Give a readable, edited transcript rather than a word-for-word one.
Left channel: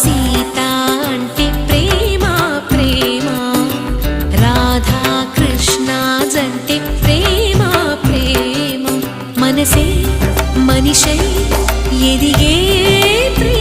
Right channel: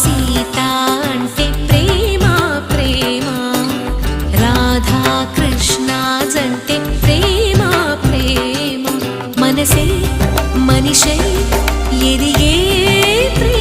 సీత అంటే ప్రేమ ప్రేమ, రాధా కృష్ణ జంటే ప్రేమ ప్రేమ, మనసే మనిషై ఎదిగే ప్రేమ.